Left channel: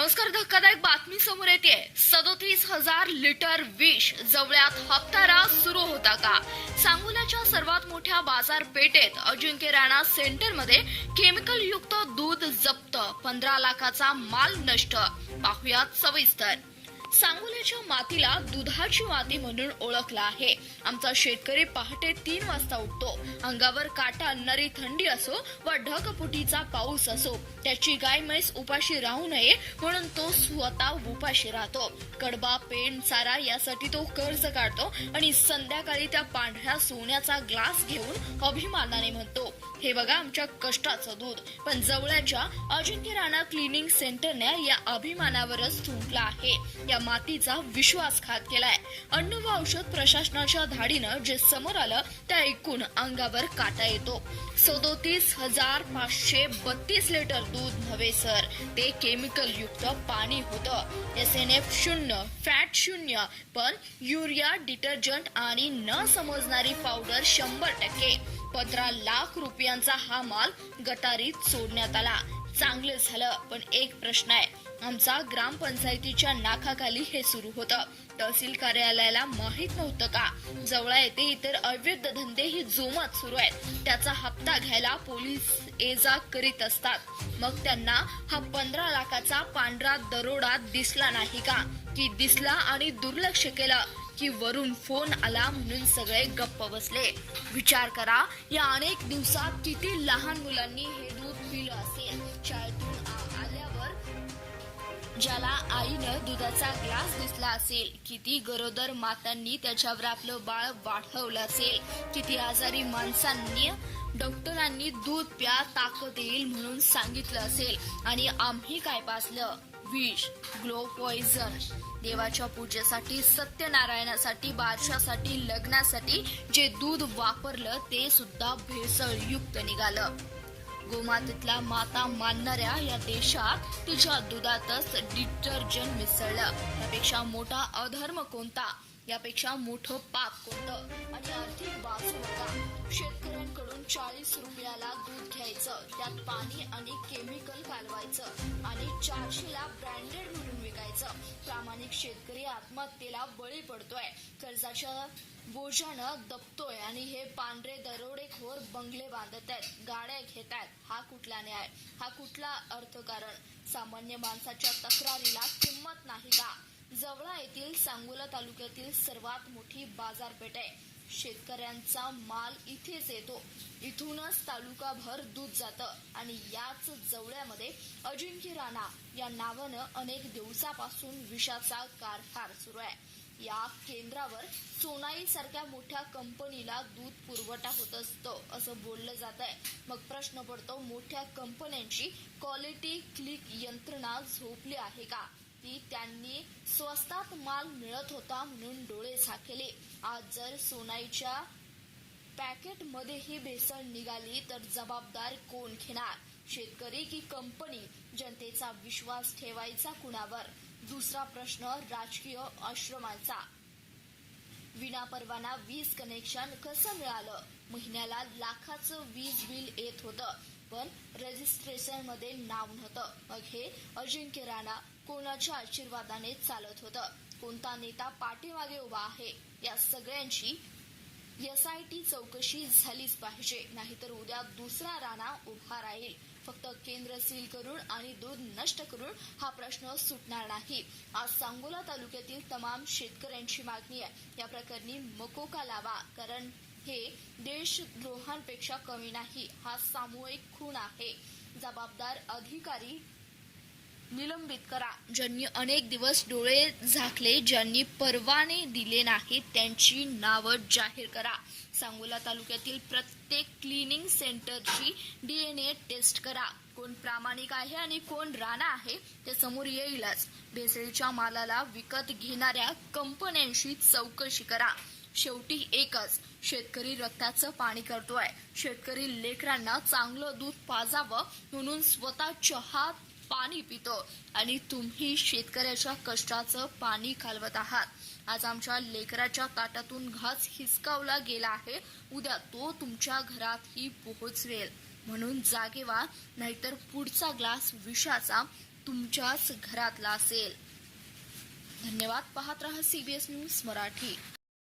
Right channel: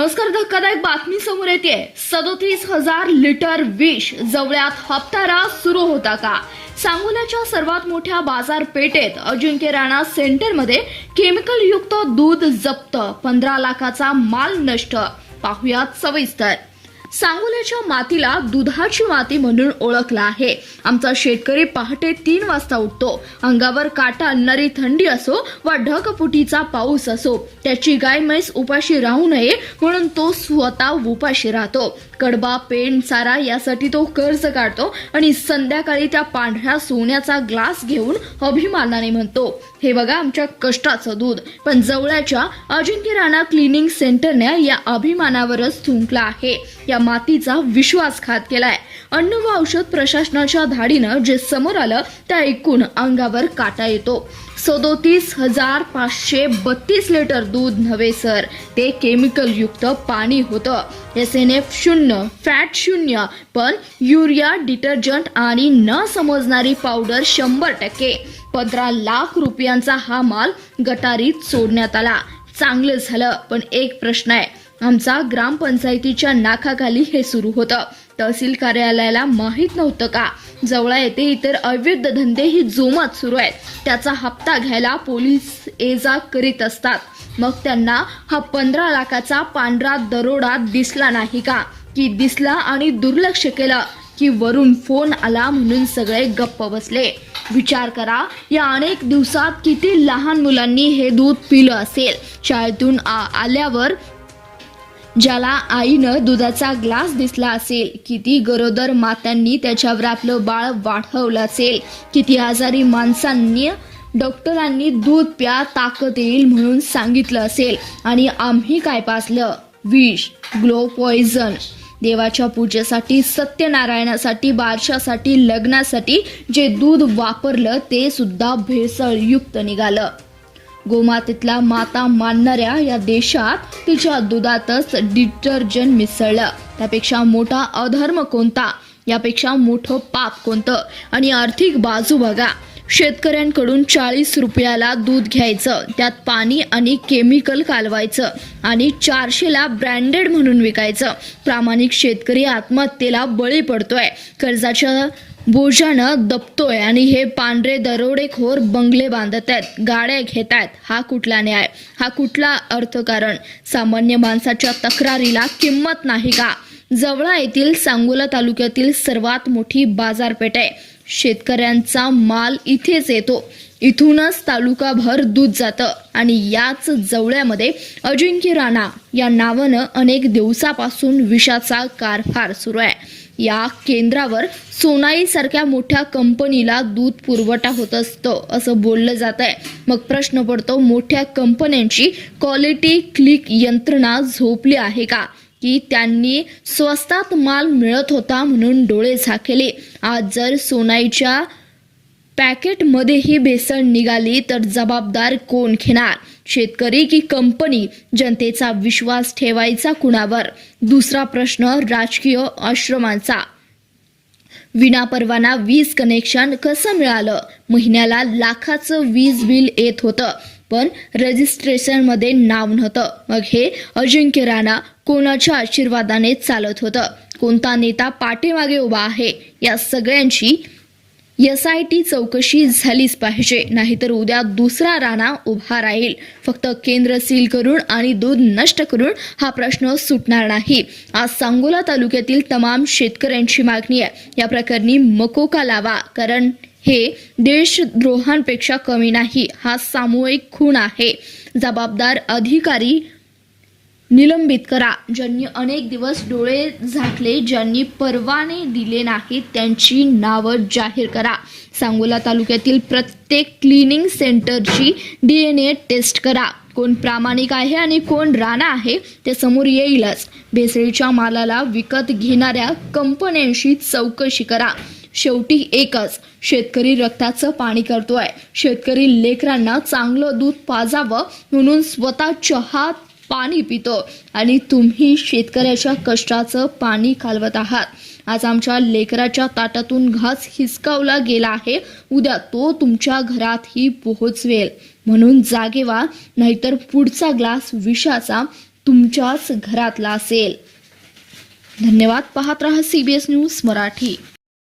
नमस्कार. धक्कादायक बातमी समोर येते. 37,000 लिटर विष जवळ्यात हप्तारा सुरू होता का? सांगोल्याच्या सर्वात मोठ्या बाजारपेठेत अजिंक्य राणा सेंटरमध्ये केमिकल युक्त दूध जप्त, 15 लाखाचा माल नष्ट. पाहुयात सविस्तर. सांगोल्याच्या मातीला दुधाची माती म्हणून ओळखला आहे. आमचा शेतकरी पहाटे 3 वाजता उठतो. अंगावर काटा आणणारी थंडी असो वा ढगफुटीचा पाऊस असो, त्याची गाय म्हैस उपाशी राहू नये म्हणून तो स्वतः उपाशी राहतो. कडबा, पेंड, चारा यासाठी तो कर्ज काढतो आणि संध्याकाळी त्या पांढऱ्या सोन्याचा ग्लास घेऊन अभिमानाने म्हणतो, हे बघा आमच्या कष्टाचं दूध. पण जवळच्या अजिंक्य राणा क्लिनिंग सेंटरने या अभिमानावरच थुंकला आहे. या मातीचा विश्वासघात केलाय. अन्न व औषध प्रशासनाच्या धाडीनं जे समोर आलं ते ऐकून अंगावर काटा येतो. 37,532 लिटर दूध नव्हे सर, ते केमिकल युक्त पाणी होतं. SNF 0, फॅट 0, पण युरिया, डिटर्जंट आणि न समजणारी पावडर 100%. 15 लाख रुपयांचा हा माल गटारीत सोडण्यात आला. चांगलं झालं, पण एक प्रश्न आहे. आमचा ग्रामपंचायतीच्या नाकाखाली हे सुरू होतं. तहसील कार्यालयाला माहित नव्हतं का? जवळ येथे इतर अवैध धंदेही जोमात सुरू आहेत. त्याचा हप्ता घ्यायला पोलीस ये-जा करीत असतात. मग त्यांना हा 15 लाखाचा पांढरा दरोडा दिसला नाही का? की दिसला आणि दुर्लक्ष केलं, की वरून फोन आला म्हणून सगळे गप्प बसले? विचार करा, या अनेक दिवसात किती लहान मुलांनी हे दूध पिलं असेल. शाळेतून आल्यावर ज्याला आईनं दुधाचा ग्लास दिसला असेल, किती गरोदर मातांनी त्याच्यावर आपलं बाळ वाढवलं असेल, किती आजारी माणसांनी डॉक्टरांनी दूध प्या, ताकद येईल म्हणून सांगितलं असेल, आणि आम्ही काय पाजलं? विष, ग्लो पॉइझन. देवाच्या पूजेसाठी, सत्यनारायणासाठी, बारशासाठी, लग्नासाठी जे दूध वापरलं ते सुद्धा भेसळयुक्त निघालं. गोमातेतला माता मानणाऱ्या या देशात तिच्या दुधातच डिटर्जंट मिसळलं. त्यापेक्षा मोठा अधर्म कोणता? यापेक्षा मोठं पाप कोणतं? आणि आर्थिक बाजू बघा. शेतकऱ्यांकडून 40 रुपयाला दूध घ्यायचं, त्यात पाणी आणि केमिकल कालवायचं आणि 400ला ब्रँडेड म्हणून विकायचं. प्रामाणिक शेतकरी आत्महत्येला बळी पडतोय, कर्जाच्या बोजानं दबतोय, आणि हे पांढरे दरोडेखोर बंगले बांधत आहेत, गाड्या घेत आहेत. हा कुठला न्याय? हा कुठला अर्थकारण? सामान्य माणसाच्या तक्रारीला किंमत नाही का? जवळा येथील सांगोला तालुक्यातील सर्वात मोठी बाजारपेठ आहे. शेतकऱ्यांचा माल इथेच येतो. इथूनच तालुकाभर दूध जातं. आणि याच जवळ्यामध्ये अजिंक्य राणा या नावानं अनेक दिवसापासून विषाचा कारभार सुरू आहे. या केंद्रावर सोनाई सारख्या मोठ्या कंपनीला दूध पुरवठा होत असतो असं बोललं जात आहे. मग प्रश्न पडतो, मोठ्या कंपन्यांची क्वालिटी क्लिक यंत्रणा झोपली आहे का? की त्यांनी स्वस्तात माल मिळत होता म्हणून डोळे झाकले? आज जर सोनाईच्या पॅकेटमध्येही भेसळ निघाली तर जबाबदार कोण घेणार? शेतकरी की कंपनी? जनतेचा विश्वास ठेवायचा कुणावर? दुसरा प्रश्न राजकीय आश्रमांचा. विनापरवाना वीज कनेक्शन कसं मिळालं? महिन्याला लाखाचं वीज बिल येत होतं, पण रजिस्ट्रेशनमध्ये नाव नव्हतं. मग हे अजिंक्य राणा कोणाच्या आशीर्वादाने चालत होतं? कोणता नेता पाठीमागे उभा आहे? या सगळ्यांची SIT चौकशी झालीच पाहिजे, नाहीतर उद्या दुसरा राणा उभा राहील. फक्त केंद्र सील करून आणि दूध नष्ट करून हा प्रश्न सुटणार नाही. आज सांगोला तालुक्यातील तमाम शेतकऱ्यांची मागणी आहे, या प्रकरणी मकोका लावा, कारण हे देशद्रोहांपेक्षा कमी नाही. हा सामूहिक खून आहे. जबाबदार अधिकारी निलंबित करा. ज्यांनी अनेक दिवस डोळे झाकले, ज्यांनी परवाने दिले नाहीत, त्यांची नावं जाहीर करा. सांगोला तालुक्यातील प्रत्येक क्लिनिंग सेंटरची DNA टेस्ट करा. कोण प्रामाणिक आहे आणि कोण राणा आहे ते समोर येईलच. भेसळीच्या मालाला विकत घेणाऱ्या कंपन्यांशी चौकशी करा. शेवटी एकच, शेतकरी रक्ताचं पाणी करतोय. शेतकरी लेकरांना चांगलं दूध पाजावं म्हणून स्वतः हात पाणी पितो, आणि तुम्ही शेतकऱ्याच्या कष्टाचं पाणी कालवत आहात. आज आमच्या लेकराच्या ताटातून घास हिसकावला गेला आहे, उद्या तो तुमच्या घरातही पोहोचवेल. म्हणून जागे व्हा, नाहीतर पुढचा ग्लास विषाचा तुमच्याच घरातला असेल. धन्यवाद. पाहत रहा CBS न्यूज मराठी.